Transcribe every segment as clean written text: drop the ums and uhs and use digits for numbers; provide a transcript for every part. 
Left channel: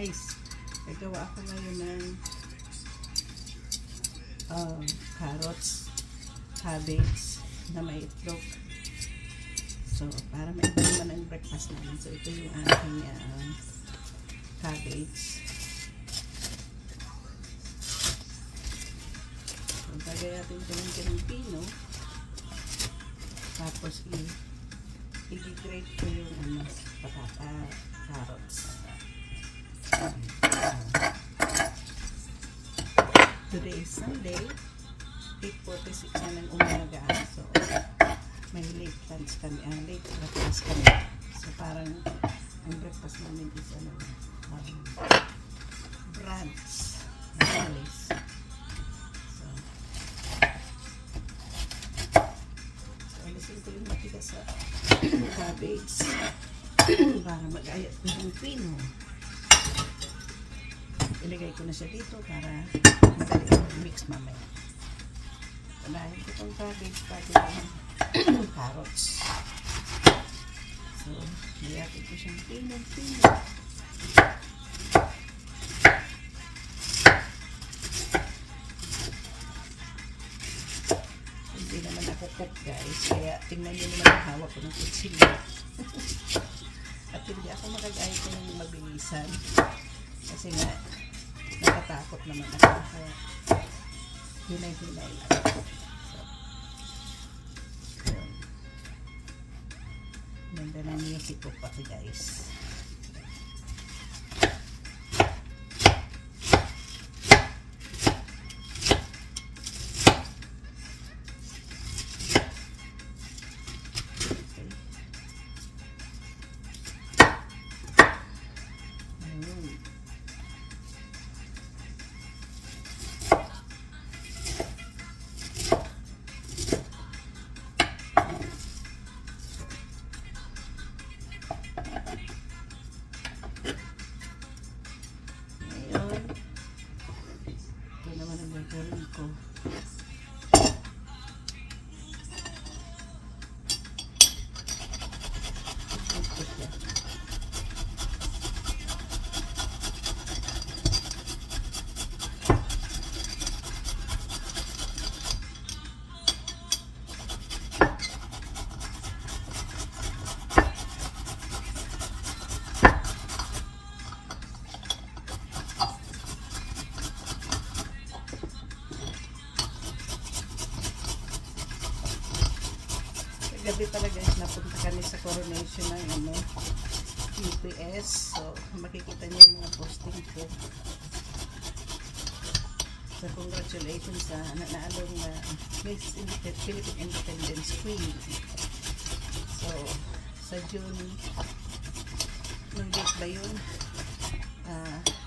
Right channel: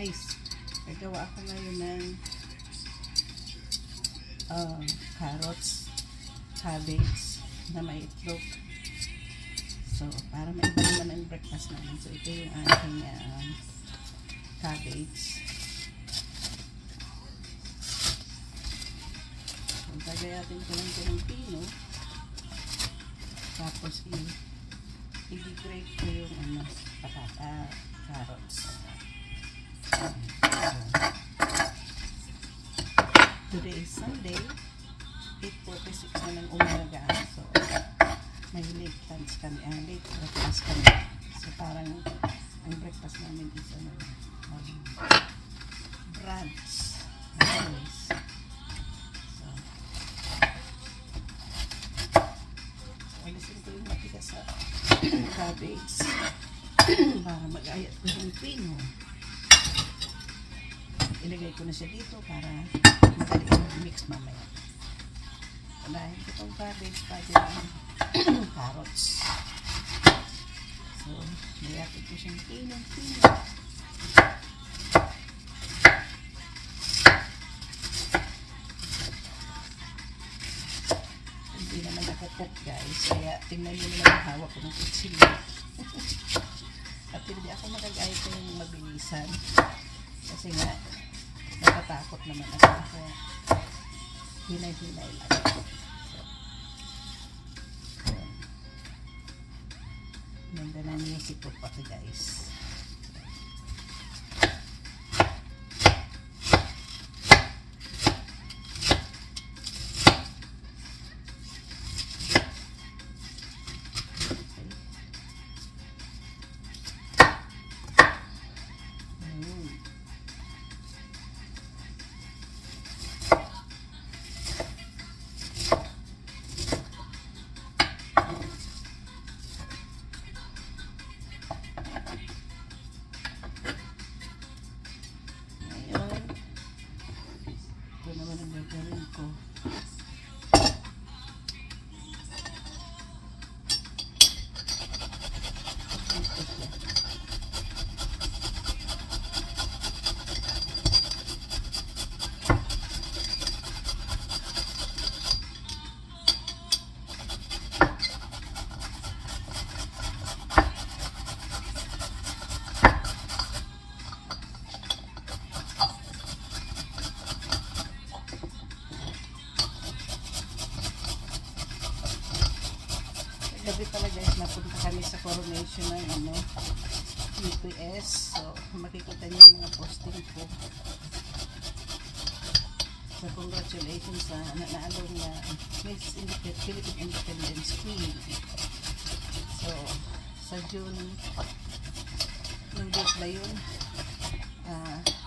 guys, nagawa ako ngayon ng carrots, cabbage na may itlog. So para maiba naman ang breakfast namin. So ito yung aking cabbage. So gagayatin ko ng pino. Tapos i-grate ko yung carrots. Today is Sunday, 8:46 na ng umaga. So may late lunch kami, late breakfast kami. So parang ang breakfast namin is brunch. Anyways. So alisin ko yung matigas sa cabbage para mag-ayat ko yung pino. Ilagay ko na siya dito para madali mix mamaya. Dahil itong cabbage pati yung carrots. So, mayapit ko siyang pino. Hindi naman ako cook guys, kaya tingnan nyo naman ang hawak ko ng kutsilyo. At hindi ako magagayat ko ng mabilisan. Kasi nga, natatakot naman ako. Hinay-hinay lang. So, ganda na music ko pati guys. Gagawin ko. Gabi pala guys, napunta kami sa coronation ng UPS. So makikita niyo yung mga posting ko. So congratulations sa nanaalong na Miss Philippine Independence Queen. So sa June ng date ba yun,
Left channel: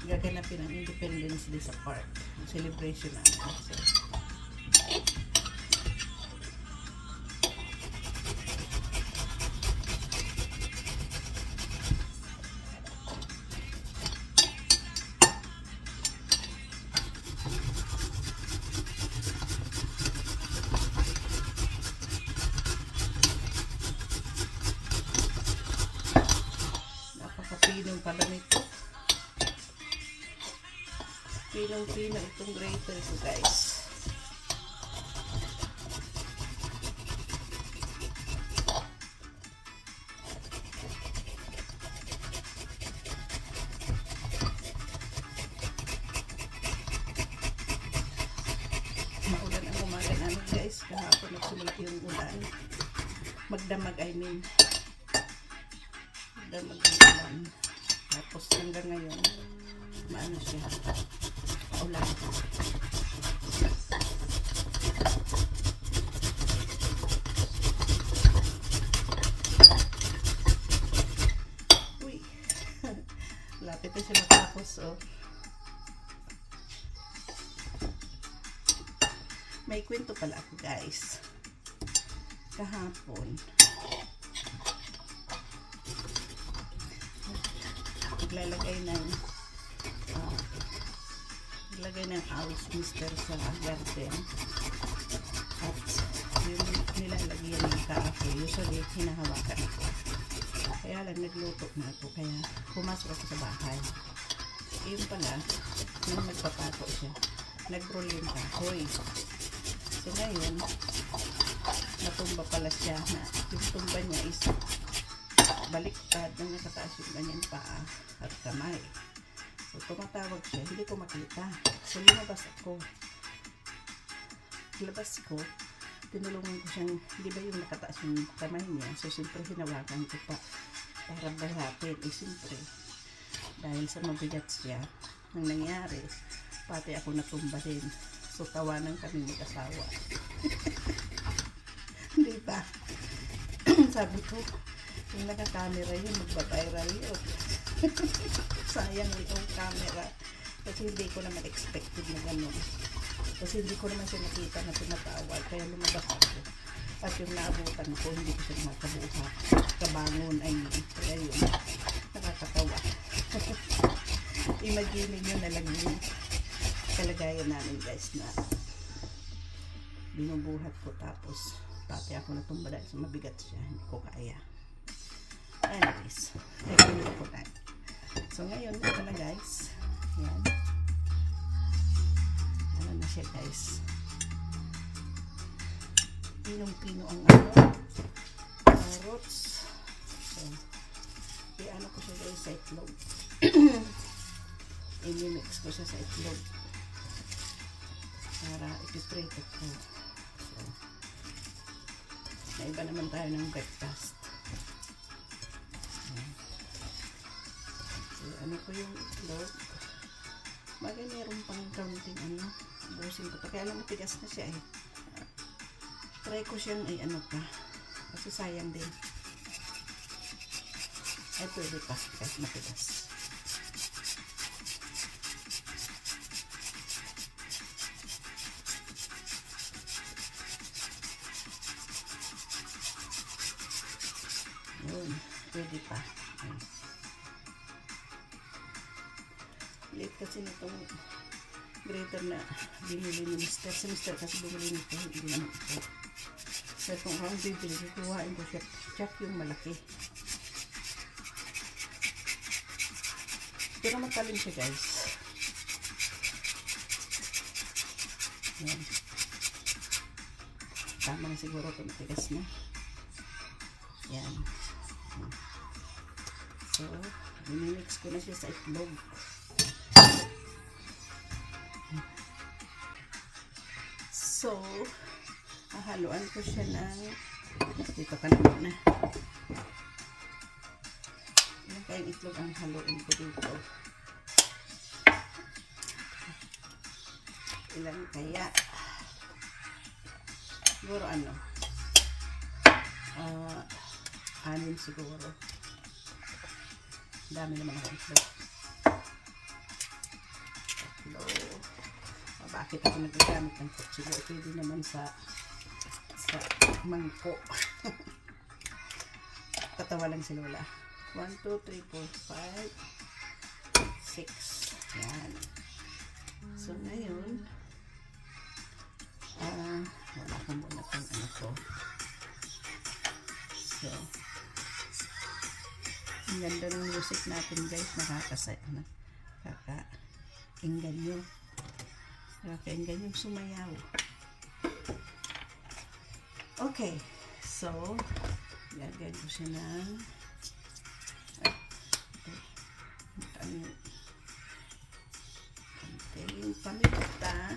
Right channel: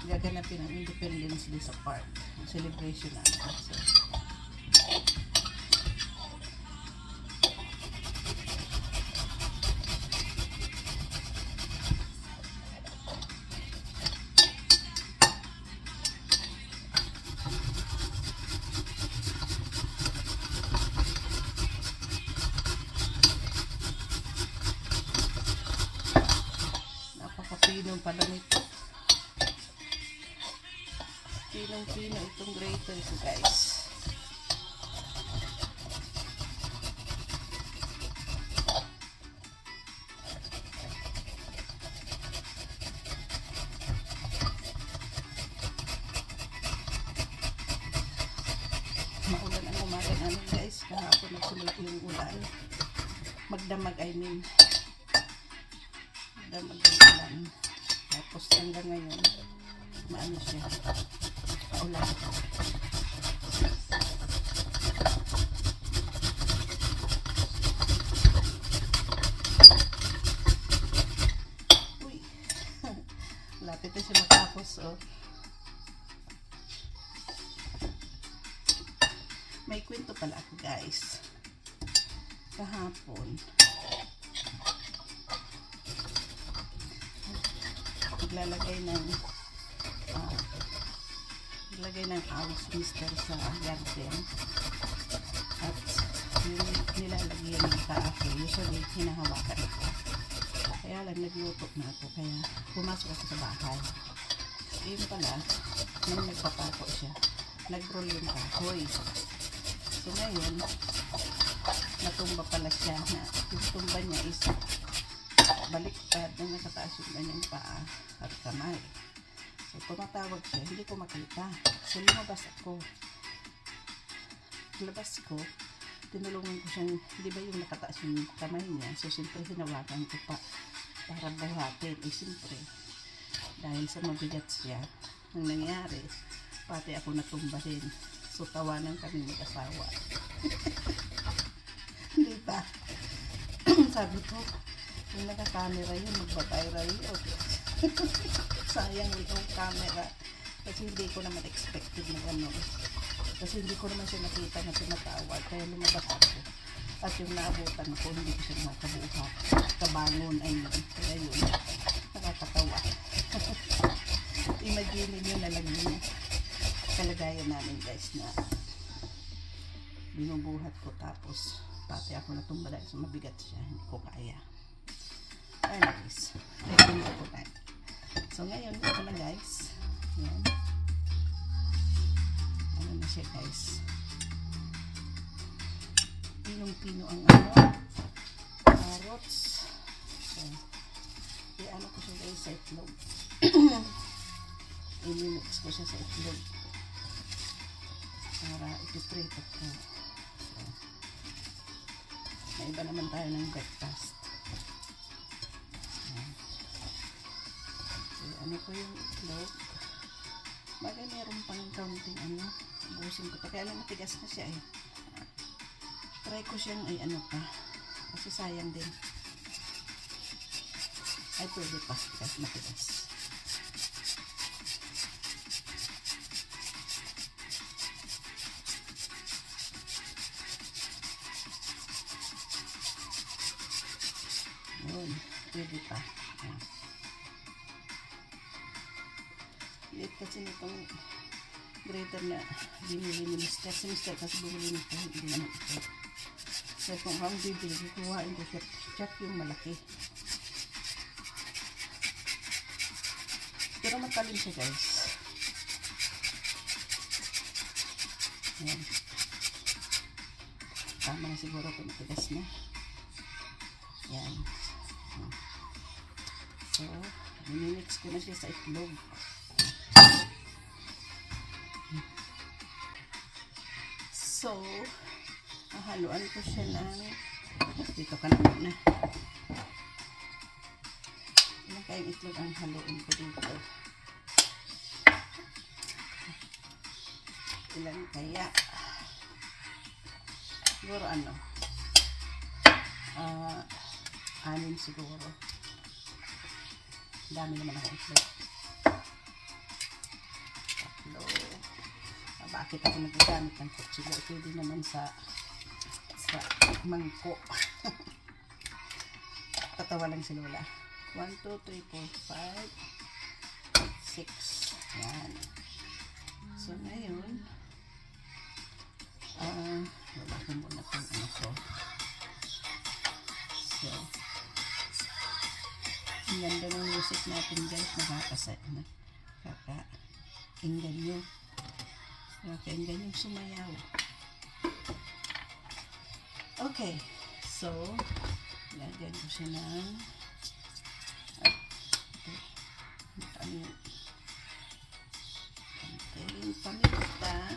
gaganapin ang Independence Day sa park, celebration natin. So pinong pala nito. Pinong-pino itong grater ko guys. Maulan ang umaga namin guys. Kahapon nagsimula yung ulan. Magdamag I mean. Magdamag ang ulan. Tapos hanggang ngayon, maano siya, ulan. Uy, lapit na siya matapos, oh. May kwento pala ako guys. Kahapon, naglalagay ng house mister sa garden at yung nilalagyan ng kahoy usually hinahawakan ako, kaya lang nagluto na ako kaya pumasok ako sa bahay. yung pala, nung nagpapato siya, nag-roll yung kahoy. So ngayon, natumba pala siya na yung tumba niya is baliktad na nakataas yung kanyang paa at kamay. So tumatawag siya, hindi ko makita. So lumabas ako. Labas ko, tinulungan ko siyang, di ba yung nakataas yung kamay niya? So siyempre hinawakan ko pa para bahatin. Eh siyempre, dahil sa mabigat siya, nang nangyari, pati ako natumba rin. So tawanan kami mag-asawa. Di ba? Sabi ko, yung naka-camera yun, magbabiral yun. Sayang yung camera. Kasi hindi ko naman expected na gano'n. Kasi hindi ko naman siya nakita na tumatawag. Kaya lumabas ako. At yung naabutan ko, hindi ko siya makabuhat. Kabangon ay kaya yun. Nakakatawa. Imagine nyo na lang yung kalagayan namin guys na binubuhat ko tapos pati ako natumba dahil sa mabigat siya. Hindi ko kaya. Anyways, nagpinto ko na. So ngayon, ito na guys. Ayan. Ano na siya guys. Pinong-pino ang carrots. So, i-ano ko siya guys sa itlog. I-mix ko siya sa itlog. Para ipiprito ko. So, may iba naman tayo ng breakfast. Ano ko yung itlog. Bagay meron pang kaunting busin ko. Kaya alam mo, tigas na siya eh. Try ko siyang ay ano pa. Kasi sayang din. Ay pwede pa. Kahit matigas. Yun. Pwede pa. Ayan. Late kasi nitong grater na binili ni Mr. Si Mr. kasi bumili nito, hindi naman ito. So kung akong bibili, kukuhain ko siya. Check yung malaki. Pero matalim siya guys. Ayan. Tama na siguro ito, matigas na. Ayan. So, i-mix ko na siya sa itlog. So, haluan ko siya ng dito ka na muna. Ilang kayong itlog ang haluin ko dito? Ilan kaya? Siguro anim siguro. Dami naman ang itlog. Bakit ako nagagamit ng kutsilo? Pwede naman sa mangko. Tatawa lang si Lola. 1, 2, 3, 4, 5, 6. Yan. So, ngayon, wala ko muna pang ko. So, ang ganda ng music natin guys. Nakakainggan nyo. Nakakainggan yung sumayaw. Okay. So, lagyan ko siya ng konting paminta.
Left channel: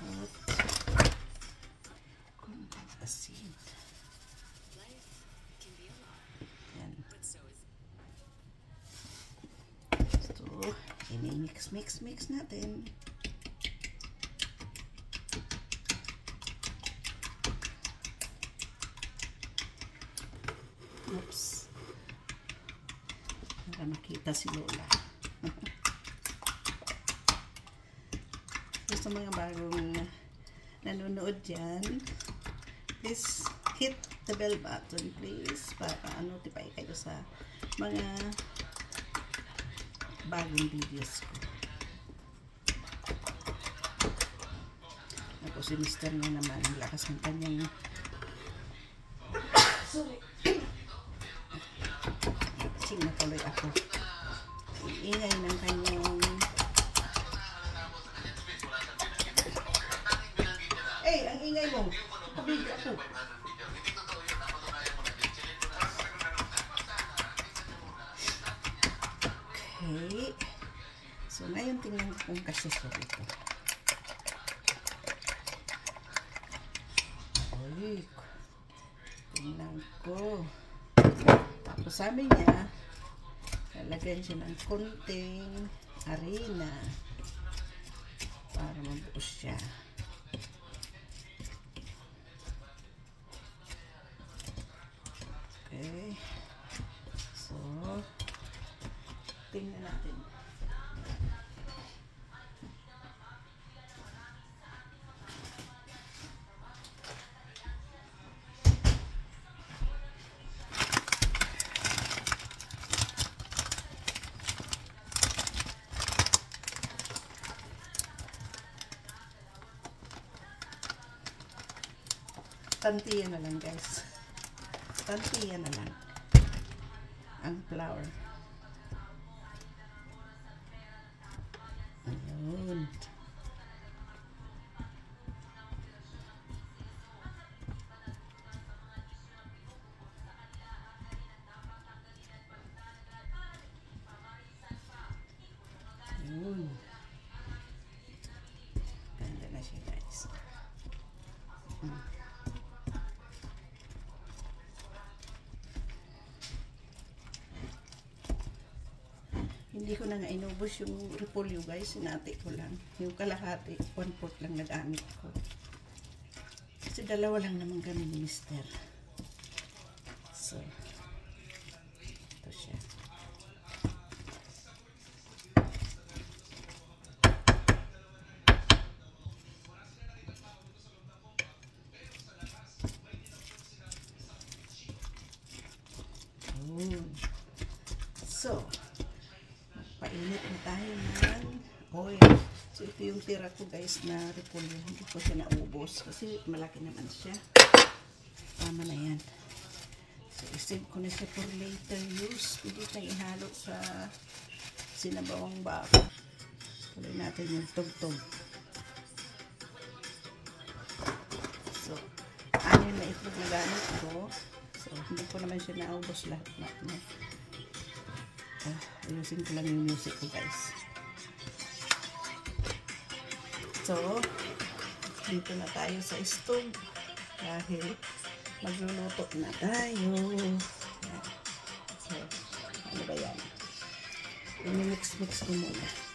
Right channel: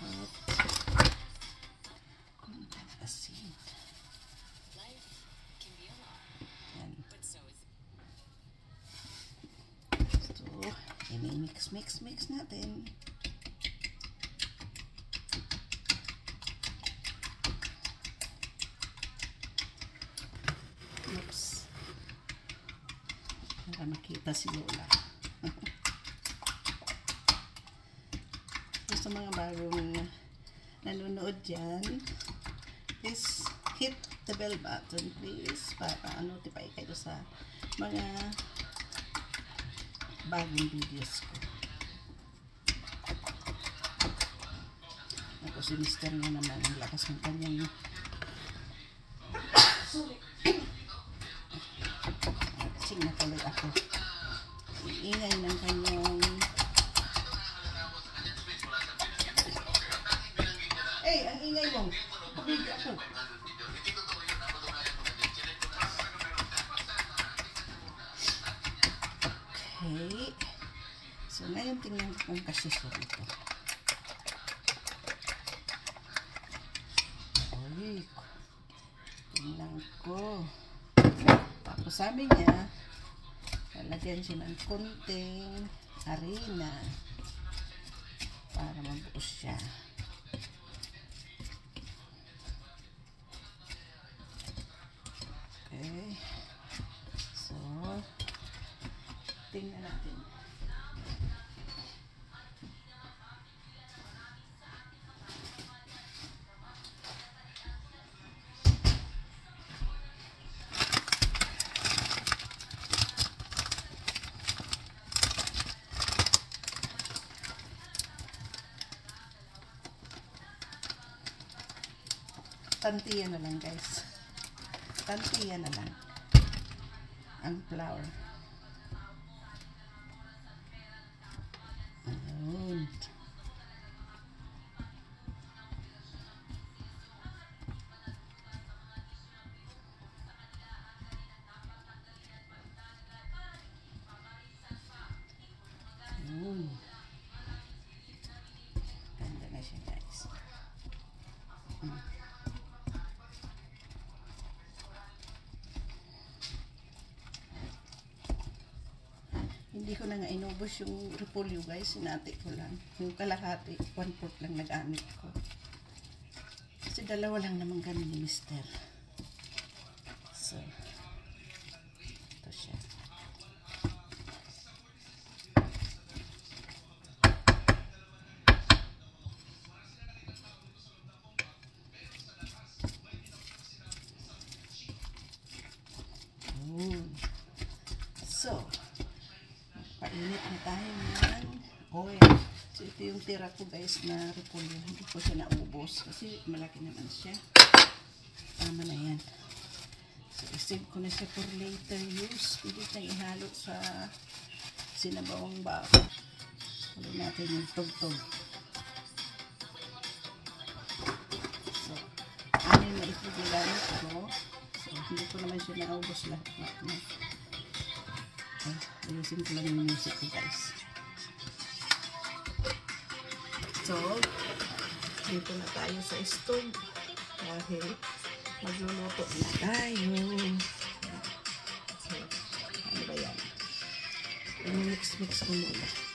At konting asin. Mix natin. Oops. Para makita si Lola. Sa mga bagong nanonood dyan, please hit the bell button please para notify kayo sa mga bagong videos ko. Ako si Mr. nga naman, ang lakas ng kanyang kung kasi siya dito. Uy, tingnan ko. Tapos sabi niya, lalagyan siya ng konting harina para mabuo siya. Okay. So, tingnan natin. Tantiyan na lang, guys. Tantiyan na lang ang flour. Ayun. Ayun. Ganda na siya, guys. Hindi ko na nga inubos yung repolyo, guys. Sinati ko lang. Yung kalahati, 1/4 lang nagamit ko. Kasi dalawa lang naman kami ni Mister. So, ito siya. So, painit na tayo ng oil. So, ito yung tira ko, guys, na repolyo. Hindi ko siya naubos kasi malaki naman siya. Tama na yan. So, isave ko na siya for later use. Pwede tayong ihalo sa sinabawang baka. Tuloy natin yung tugtog. So, ano yung naipag yung gamit ko. So, hindi ko naman siya naubos lahat. Ayusin ko lang yung music ko, guys. So, dito na tayo sa stove dahil magluluto na tayo. So, ano ba yan? I-mix ko muna.